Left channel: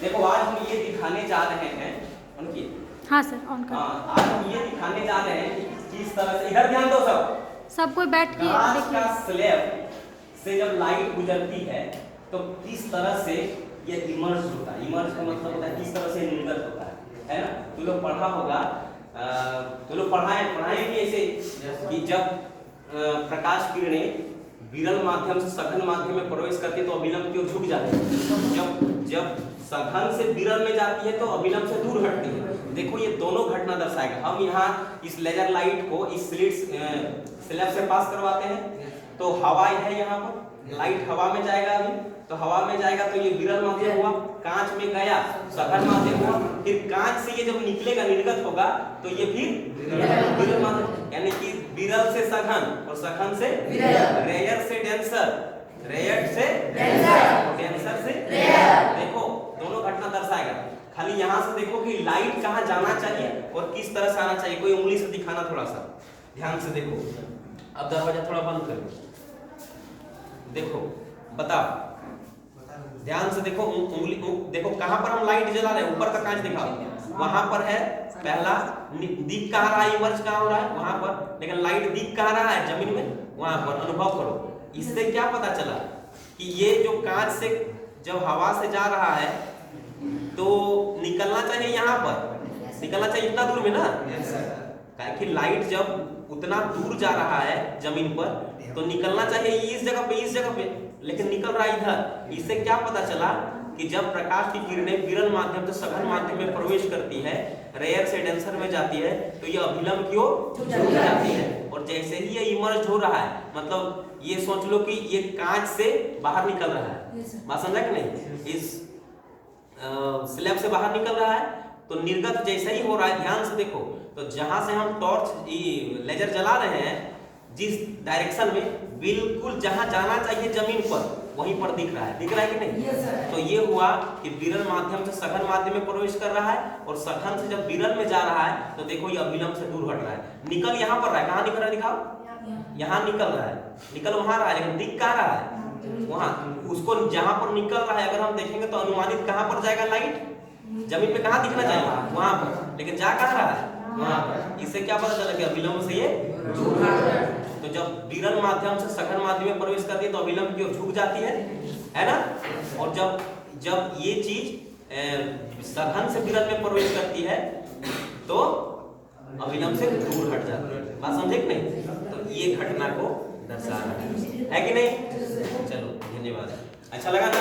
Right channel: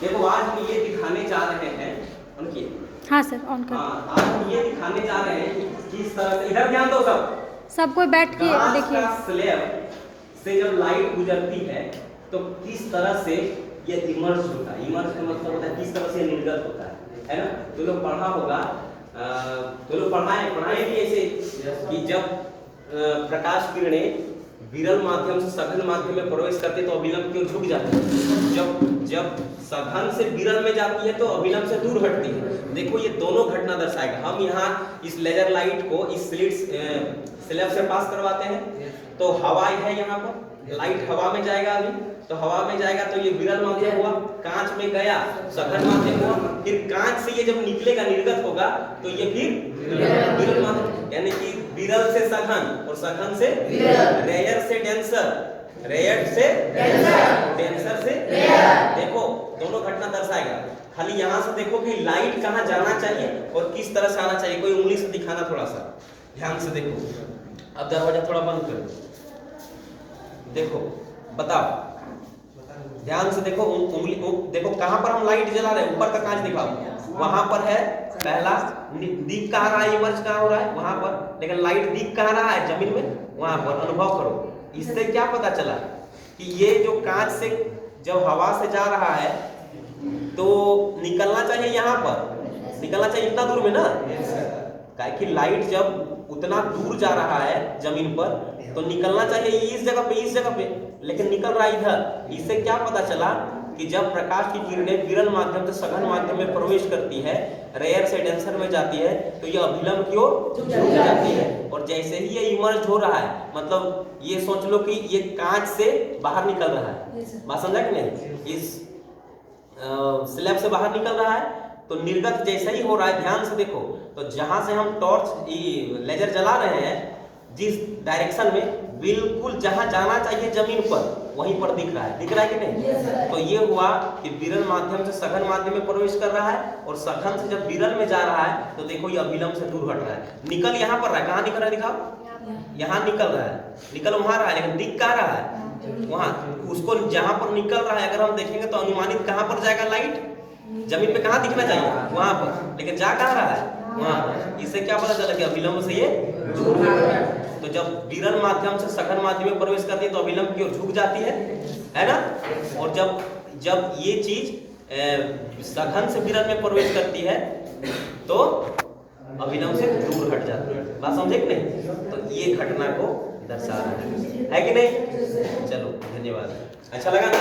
देखो आज हम ये दिखाने जा रहे हैं उनकी। हाँ सर, ऑन कर। आज हम ये दिखाने जा रहे हैं कि किस तरह से, इधर ध्यान दो सब कोई बैठ के देखिए। स्लैब से जब लाइट गुजरती है तो किस तरह से ये इमर्ज होता है। इमर्ज का मतलब होता है किस तरह से निर्गत होता है ना। तो लोग पढ़ा होगा, तो लोग पढ़ाए भी ऐसे कि जब प्रकाश किरणें विरल माध्यम से सघन माध्यम में प्रवेश करती है तो अभिलंब क्यों झुक जाती है। जब सघन से विरल में जाती है तो अभिलंब से दूर हटती है। देखो ये दोनों घटना दर्शाएगा। हम यहाँ इस लेजर लाइट को इस स्लैब से पास करवाते हैं तो हवा है, यहाँ पर लाइट हवा में जाएगा। अभी तो हवा में जाएगा तो ये विरल माध्यम हुआ, कांच में गया सघन माध्यम हुआ, फिर कांच से ये जब निकलेगा निर्गत होगा तो ये फिर विरल माध्यम, यानी कि विरल से सघन और सघन से रेयर से डेंसर, रेयर से डेंसर से रेयर। देखो दोनों घटना दर्शाएगा। खाली यहाँ से देखो कि लाइट कहाँ जाना चाहिए और किस तरह से आना चाहिए। कोई उंगली से दिखाना, थोड़ा सा ध्यान से देखो। अब दरवाजा थोड़ा बंद करो, देखो बताओ, ध्यान से देखो। उंगली देखो कहां पर हम लाइट जला रहे हैं, ऊपर का कांच दिखाओ, वहां पर है पहला। दिख कहां रहा है, इमर्ज कहां हो रहा है, वहां पर। लेकिन लाइट दिख कहां रहा है, जमीन में, वहां पर। अनुभव करो। इससे क्या पता चला कि ये जो कांच से जब हवा से जा रहा है तो निकलना चाहिए, यहाँ पर निकलना चाहिए इतना दूर में ना। काहे कि लाइट जब उतना दूर जा रहा है जमीन पर तो निकलना चाहिए इस जगह पे, लेकिन निकल रहा है इधर। इससे क्या पता चला कि जब प्रकाश की किरणें विरल माध्यम से सघन माध्यम में प्रवेश करती है, रेयर से डेंसर में जाती है, तो ये अभिलंब की ओर झुक जाती है। और जैसे ही ये इमर्ज हो रहा है, मतलब ये सोच लो कि ये कांच से बाहर निकल रहा है, बात समझा कि नहीं, इस स्लैब से बाहर निकल रहा है तो निर्गत जैसे ही हो रहा है, ध्यान से देखो। तो जहां से हम टॉर्च लेजर जला रहे हैं, जिस डायरेक्शन में, बिल्कुल जहां जाना चाहिए जमीन पर, वहीं पर दिख रहा है कि नहीं। तो ये हुआ कि विरल माध्यम से सघन माध्यम में प्रवेश कर रहा है और सघन से जब विरल में जा रहा है तो देखो ये अभिलंब से दूर हट रहा है। निकल यहाँ पर रहा है, कहाँ निकल रहा है दिखाओ, यहाँ निकल रहा है, निकल वहां रहा है, लेकिन दिख कहाँ रहा है, वहां। उसको जहां पर निकल रहा है अगर हम देखेंगे तो अनुमानित कहां पर जाएगा लाइट, जमीन पे कहां दिखना चाहिए, वहां पर, लेकिन जा कहां रहा है, वहां पर। इससे क्या पता चला कि अभिलंब से ये दूर है। तो जब विरल माध्यम से सघन माध्यम में प्रवेश करती है तो अभिलंब की ओर झुक जाती है ना। और जब ये चीज सघन से विरल में प्रवेश करती है तो अभिलंब से दूर हट जाती है। बात समझे कि नहीं। तो ये घटना को दर्शा रहा है कि नहीं। चलो धन्यवाद, अच्छा लगा।